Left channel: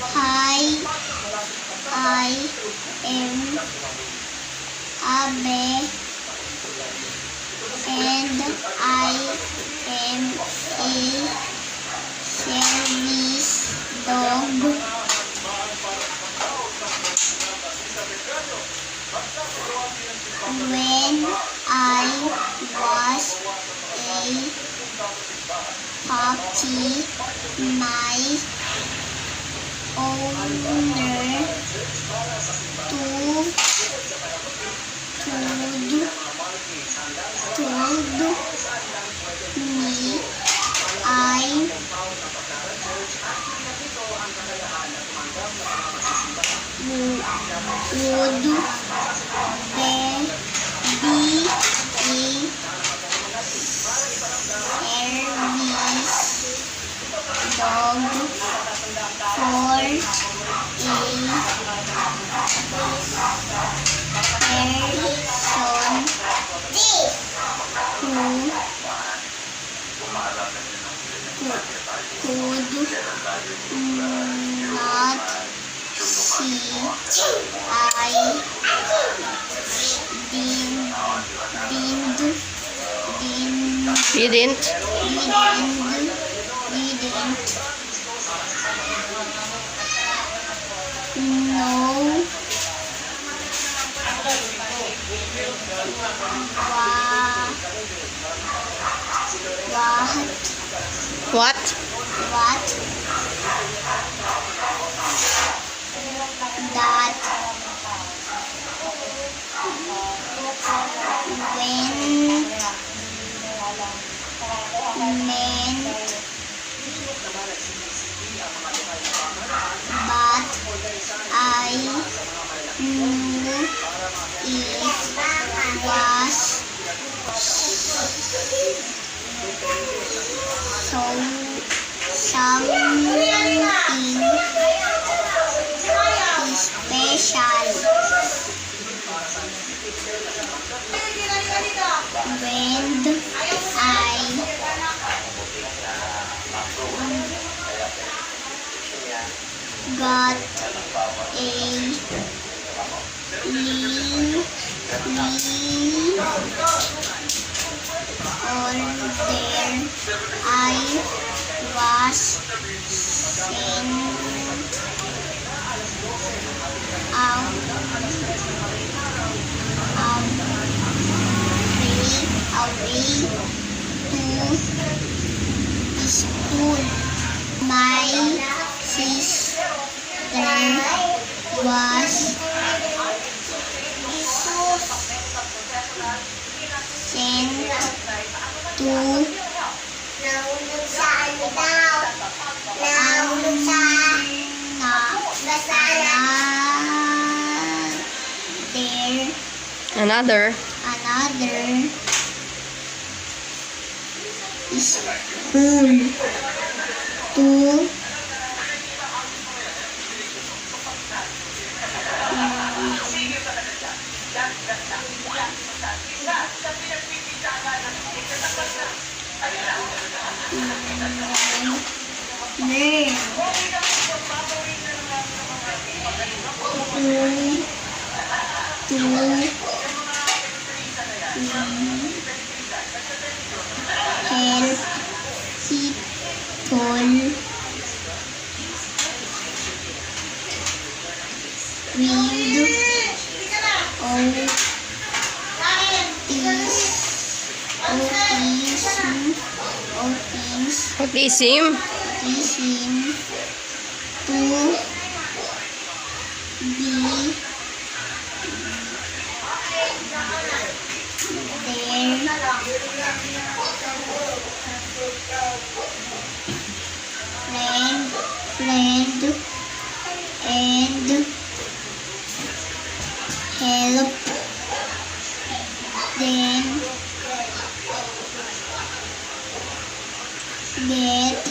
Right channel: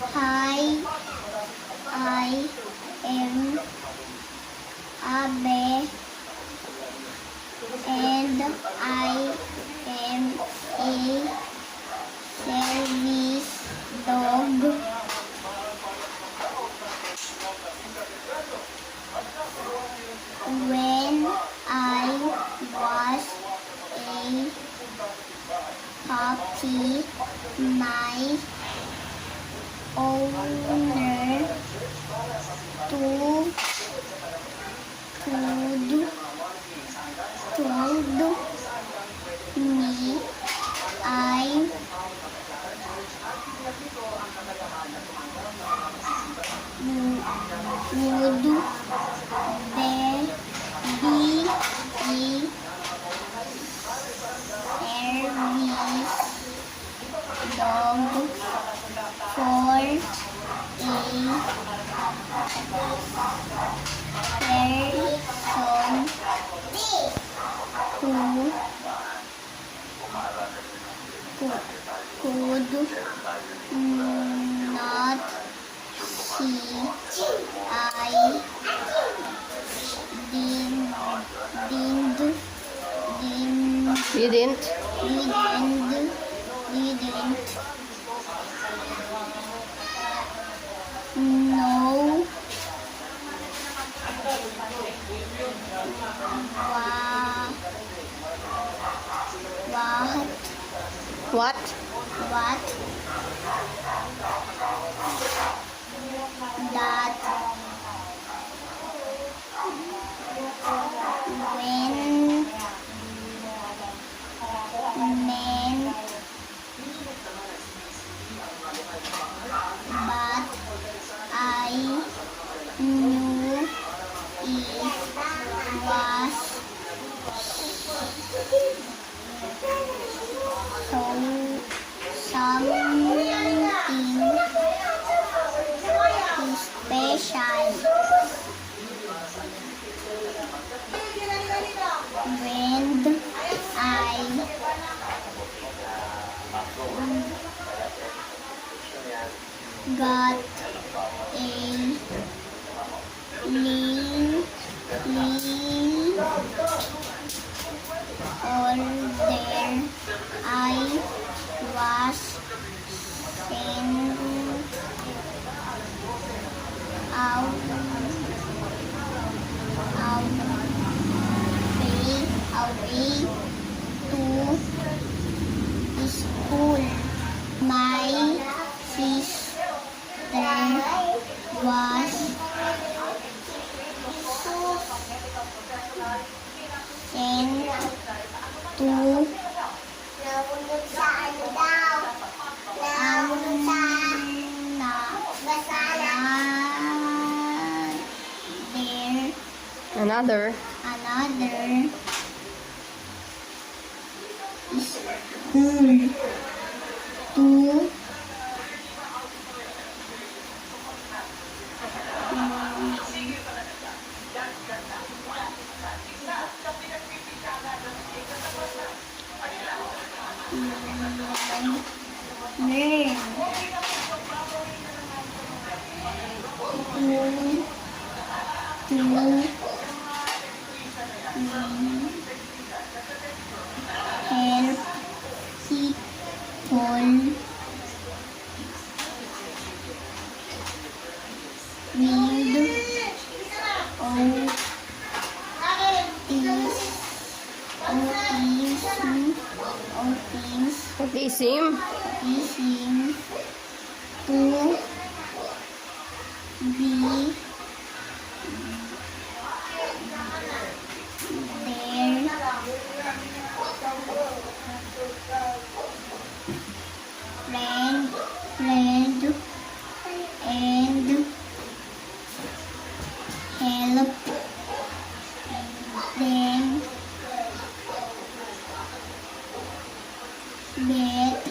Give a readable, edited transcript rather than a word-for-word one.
Hi, I am Abe, and I am a service dog. When I was a puppy, my owner told me I would be a service dog for a person who could not see. I didn't know What? that meant, but I knew it was something special. When I got a little older, I was sent away to school. My sister was sent to Another. School to help people with Autism. to be their friend and help them get